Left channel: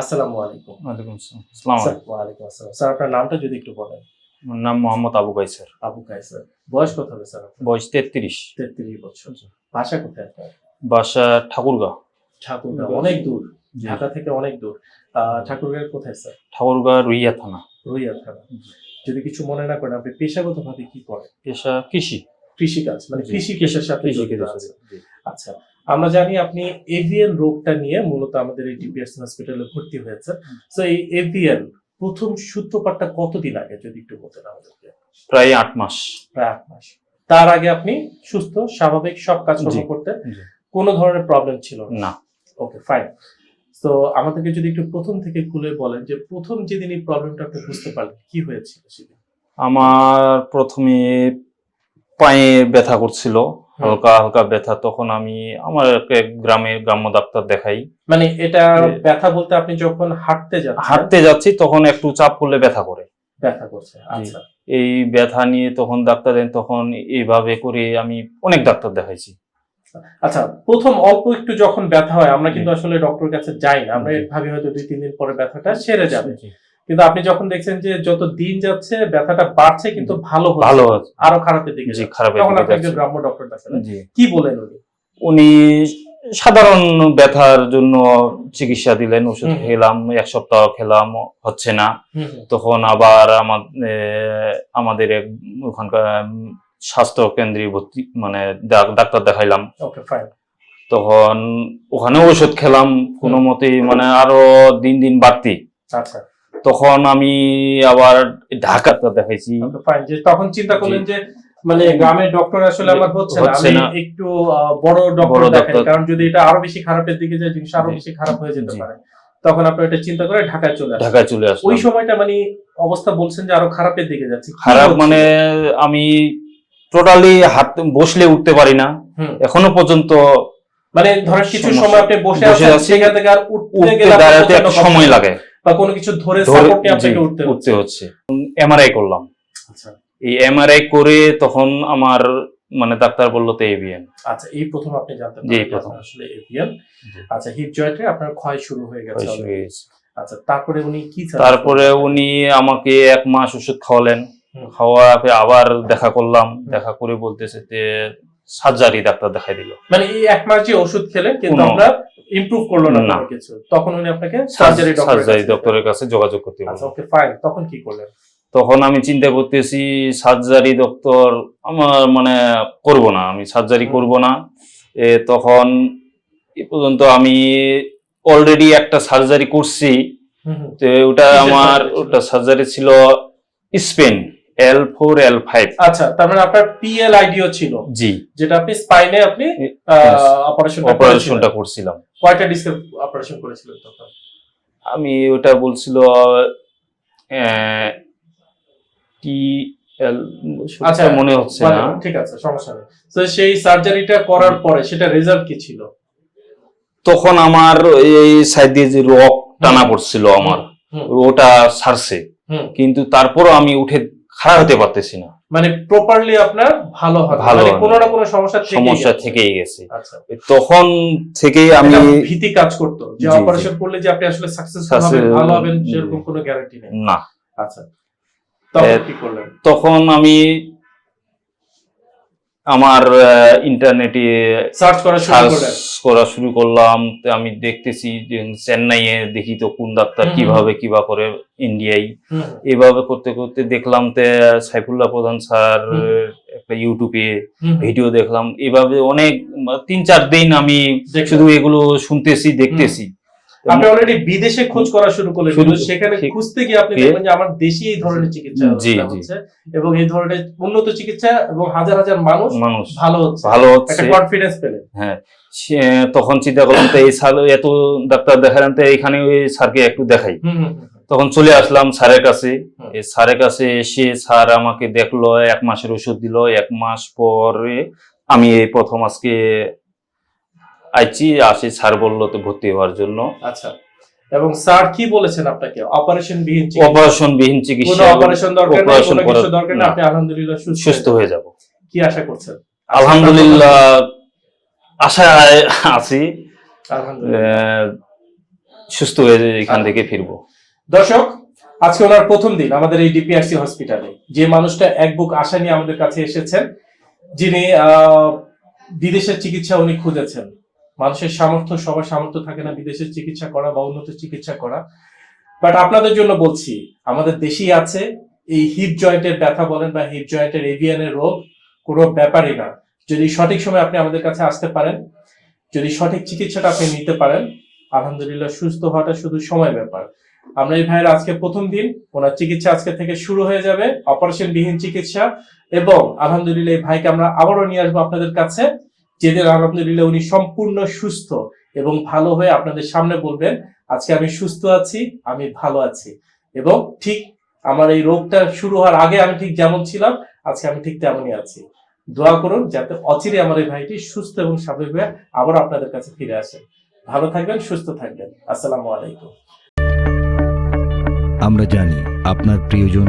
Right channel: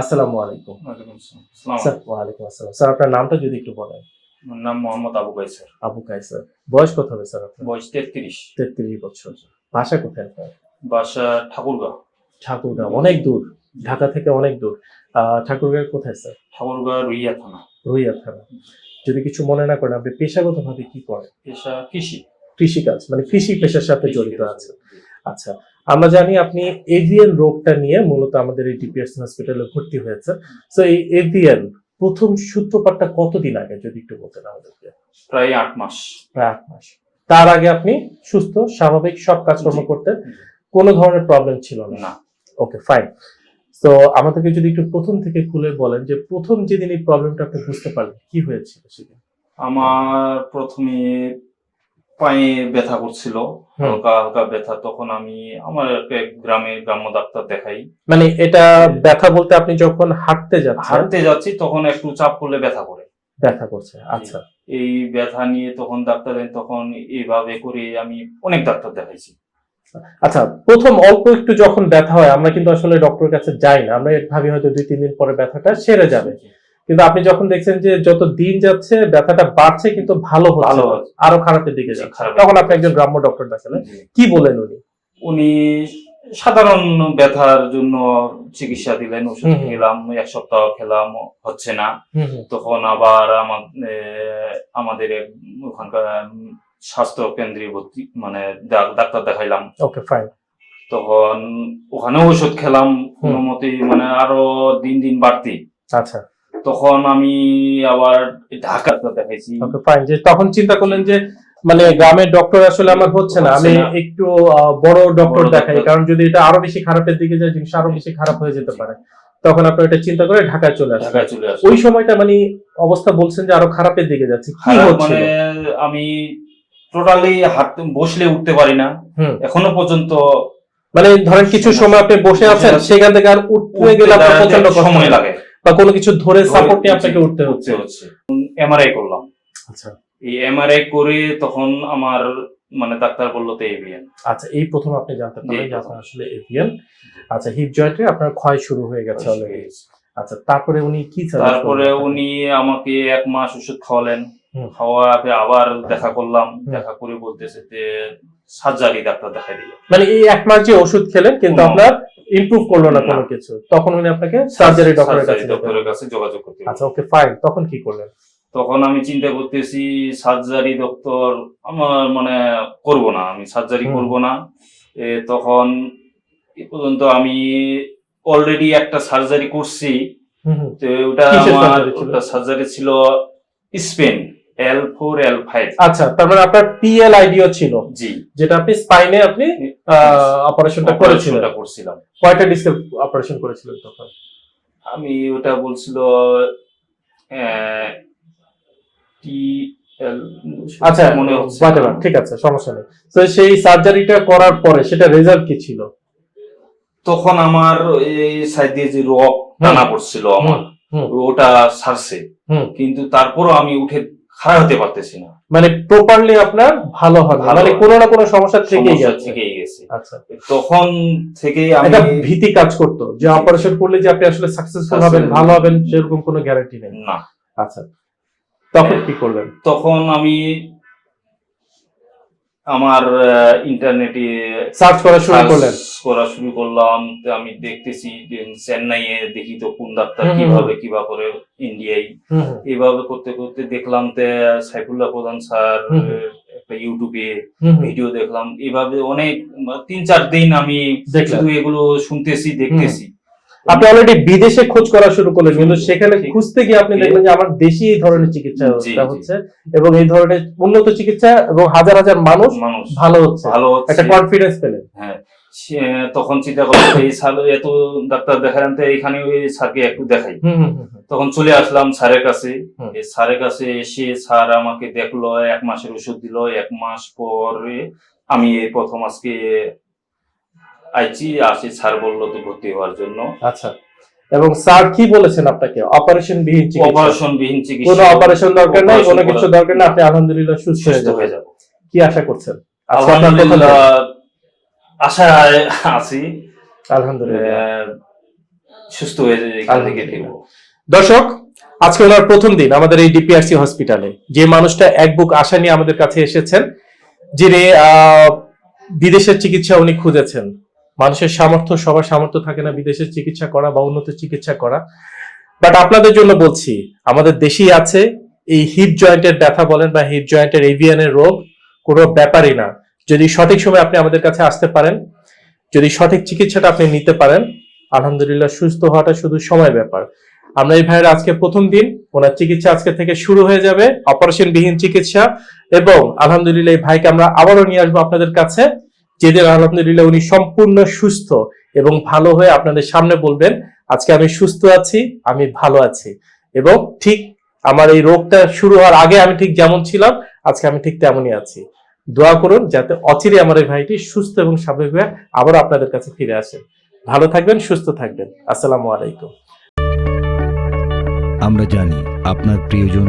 আসসালামু আলাইকুম। ওয়ালাইকুম আসসালাম। স্যার ওয়ালাইকুম আসসালাম। স্যার আপনার নামটা যদি একটু বলেন। আমার নাম মোহাম্মদ আবু কাইসার। আবু কাইসার। বয়স কত হবে স্যার বয়স তেত্রিশ। তেত্রিশ বছর। ভাষা কোথায় আপনার? বাসা ঠাকুরগাঁও। ঠাকুরগাঁও অনেক দূর। ঢাকা থেকে অনেক দূর। ঠাকুরগাঁও কোথায় স্যার? ঠাকুরগাঁও রুইয়া থানা। রুইয়া থানা। যদি কিছু মনে না করেন আপনি পেশাগতভাবে কি করেন? পেশা কৃষি। কৃষিকাজ মানে কৃষি পেশার সাথে জড়িত আছে আচ্ছা আমরা জানি আপনি এভিএন রোগটা নিয়ে মূলত আমাদের এই ডিপিএস হসপিটালে ভর্তি হয়েছে তো এই এভিএন প্রথম সূত্রপাতটা কতদিন আগে যদি একটু বলতেন আমাদেরকে? প্রায় আট মাস। প্রায় আট মাস। তার আগে আপনি সুস্থ স্বাভাবিক সব কাজকর্ম করতেন। কোনো ধরনের প্রবলেম ছিল না? না। ওকে ফাইন তো আমাদেরকে যদি একটু প্রথম থেকে খুলে বলেন যে প্রথম যেদিন এই প্রবলেমটা আপনি বুঝতে পারলেন কি হয়েছিল সেদিন? আমার প্রথমে পায়ে ব্যথা করছিল হালকা হালকা ব্যথা তখন আমি আমার গ্রামে গ্রাম্য ডাক্তার দেখাই। মানে এটা ব্যথা বলতে আপনি যখন হাঁটতে যাচ্ছেন হাঁটতে যাচ্ছি তখন একটু চাপ করলে ব্যথা করে। ব্যথা করছে আচ্ছা। এই ব্যথা নিয়ে তখন ডাক্তার দেন তখন এইভাবে করে আমি অনেক ডাক্তার দেখাইছি। আচ্ছা প্রথম অল্প একটু যখন ব্যথা হয় আমরা কিন্তু আসলে ডক্টরের কাছে যাই না আমরা ভাবি হয়তো দুই তিন দিন পরে ব্যথাটা সেরে যাবে। কিন্তু আপনি যখন দেখছেন যে যত দিন যাচ্ছে ব্যথাটা বাড়ছে কিন্তু ভালো ভালো আরও খারাপের দিকে তখন আপনি একজন। গ্রাম্য ডক্টর দেখালেন কি বলেন উনি? উনি সাধারণ ব্যথার জন্য চিকিৎসা দিলেন ওষুধ। খেলাম এক সপ্তাহ খেলাম হচ্ছে না। তখন আবার আমাদের ওখানকার স্বাস্থ্য কেন্দ্রে ভর্তি মানে ডাক্তার দেখাইলাম। ওকে ফাইন তখন ওখানে ওষুধ খেলাম কোনো মতে মানে আরও দিন দিন বাড়তি। আচ্ছা। তখন আমি আবার ঢাকা ডাক্তার দেখাইছি তখন চিন্তা করলেন যে মানে গ্রামের ডক্টর আসলে আমার হচ্ছে না। আমি একটু বড় ডক্টর দেখাই কারণ যদি এটা আরও বেশি খারাপের দিকে যায় জিনিস আরও বেশি খারাপ হয়ে যেতে পারে। তখন আপনি এটা চিন্তা করে ঢাকায় চলে ঢাকায় চলে আসলাম ওই সময়টা মানে অবস্থা বলছেন যে আরও খারাপের দিকে যাচ্ছে। খারাপ মানে আমি টোটালি হাত বসলে উঠতে পারি না। এখনও পর্যন্ত মানে ধরেন কিছু সময় আপনি বসে আছেন সেখান থেকে আর উঠতে গেলে আপনার সময় লাগে। বা কোনো কিছু ধরে সাপোর্টে নিয়ে আপনাকে উঠতে হচ্ছে? হচ্ছে। এমআরআই করলাম। আচ্ছা। এই এমআরআই করে তখন আমার মানে ডাক্তার বলল তো এভিএন আচ্ছা এই প্রথম আপনি জানতে পারলেন আসলে এভিএন আচ্ছা হিপ জয়েন্টে আপনার ক্ষয় শুরু হয়ে গেছে। আচ্ছা তারপরে উনি কি তারপরে উনি আমাকে এক মাস ওষুধ খাওয়ালেন। হুম। খাওয়াকে আবার দেখা করলাম দেখা করে বলতেছে যে সার্জারি ডাক্তার দেখাই দিল। মানে এই এক মাস যে ওষুধ খেলেন কিন্তু কোনো- আপনার ইমপ্রুভ করল না। কোনো কিছু। তখন উনি আপনাকে সার্জারি ডক্টরের সার্জারি কাছে যোগাযোগ করতে। আচ্ছা ওকে ফাইন তখন কি করলেন? তখন আমি চিন্তা করতেছি সার্জারি ডক্টর আমার মানে করব না আমি সার্জারি। করব না। এ, তখন এ পর্যন্ত আমি অলরেডি একটা সার্জারি করছি। তো ওটা আমার ওটা সার্জারি ছিল spine. L four L five আচ্ছা তার মানে আপনার পিএল আইডিও ছিল। জি। যেটা আপনি স্পাইনে আপনি অপারেশনটা অপারেশনটা করছিলাম। কয়টা ডিস্কে অপারেশন করেছিলেন তখন? আমি ওটা বলছিল টি আচ্ছা মনে হচ্ছে। ঠিক আছে সমস্যা নেই। তো সেই সার্জারিটা করার পরে সেটা রেজাল্ট কি ছিল? তখন আমার এই সাইড দিয়ে যে রক টানা পড়ছিল আমার ওটা হুম। কিন্তু তারপরও আমি উঠে খাড়া হতে পারতেছি না। মানে প্রপারলি আপনার ভালো হবে ভালো মানে কোনো না কোনো সমস্যা থেকে সমস্যা। থেকেই গেছে। আচ্ছা। তখন থেকেই আমি ভীতি কাজ করতো যে। অপারেশন করলে যে আপনি আসলে সাকসেসফুল হবেন ভালো হবেন সেরকম কোনো গ্যারান্টি নেই। না। আচ্ছা। তখন কি করলেন তখন আমি আমার ইন্টারনেটে সার্চ করা শুরু করলেন? করা শুরু করলাম। আমি দেখতেছি যে চেন্নাইয়ে দেখি তো কোন ডাক্তার কীভাবে কিবা করে ইন্ডিয়ায় এভাবে করতে করতে দেখলাম তে সাইফুল্লাহ প্রধান স্যার একটা ইউটিউবে। ভিডিও দেখলাম। এভাবে অনেক তিন চার দিন আমি। শুধু এগুলো শুনতেছি দেখতেছি। আপনি অলরেডি বিদেশে খোঁজ করা শুরু করলেন কিন্তু সেখানে খুঁজতে গিয়ে আপনি দেখবেন যে আমার দেশি এই ধরনের চিকিৎসা। হচ্ছে এবং এই ধরনের উন্নত চিকিৎসা এবং হাজার হাজার মানুষ মানুষ ভালো হচ্ছে। ভালো হচ্ছে। একটা কনফিডেন্স পেলেন হ্যাঁ তখন চিন্তা করতে এই স্যার এত ডাক্তার দেখালাম তো এখানে ওই স্যারকে একটু দেখাই। তখন চলে আসলাম স্যারের কাছে। স্যারের কাছে এসে স্যার আমাকে দেখল এক মাসের ওষুধ দিল এক মাস পরে আমি এই প্রথম আজকে আইছি আসি স্যার বলল তো ভর্তি হওয়ার জন্য। আচ্ছা। এবং স্যার কি বলেছেন আপনাকে? অপারেশন বিহীন চিকিৎসা। অপারেশন বিহীন চিকিৎসা। কোনো অপারেশন দরকার নেই কোনো কিছু দরকার নেই আপনি আলহামদুলিল্লাহ সুস্থ হয়ে যাব। কি আশা করছেন? আলহামদুলিল্লাহ আশায় আছি। আলহামদুলিল্লাহ। সুস্থ হয়ে এখান থেকে ফিরবো। দর্শক আজকে ওনার প্রথম দিন আমাদের এই ডিপিআরসি হসপিটালে। যে মানুষটা এক বুক আশা নিয়ে আমাদের কাছে এসেছেন যিনি আহ, বিদেশের চিকিৎসা উনি খুঁজেছেন। মানুষের সামর্থ্য, সবার সামর্থ্য থাকে না বিদেশের চিকিৎসা করা বা উন্নত চিকিৎসা করা। বাট আপনাদের জন্য বলছি, আমাদের দেশেই আছে এই হিপ জয়েন্টের ব্যথা বলেন বা হিপ জয়েন্টের এভিয়ানের রোগ, কোনো ব্যাপারই না। যদি সঠিক সময় আপনি আমাদের কাছে আসতে পারেন, যদি সঠিক চিকিৎসাটা আপনি নিতে পারেন, আলহামদুলিল্লাহ সুস্থ হওয়াটা শুধু সময় ব্যাপার। আমরা এই ভাইয়ের আজকে প্রথম দিন, ওনার চিকিৎসা আজকে থেকে শুরু হয়ে যাবে অপারেশন বিহীন চিকিৎসা এবং আলহামদুলিল্লাহ এই ভাইকে আমরা আবারও নিয়ে আসব আপনাদের কাছে। যেদিন আলহামদুলিল্লাহ উনি সম্পূর্ণ সুস্থ এবং ভালো হয়ে আপনাদের সামনে বলবেন, আজকে আমি সুস্থ আছি, আমি ভালো আছি। এবং ঠিক আমার এই রোগটা শুরু হওয়ার আগে আমি ঠিক যেমন ছিলাম, আজকে আমি ঠিক তেমনই আছি। দোয়া করুন যাতে অচিরে আমার এই ভাইটি সুস্থ এবং স্বাভাবিক হয়ে আবার আপনাদের কাছে ফিরে আসে। ভালো থাকবেন, সুস্থ থাকবেন। আসসালামু আলাইকুম। আমরা জানি আপনার প্রিয়জন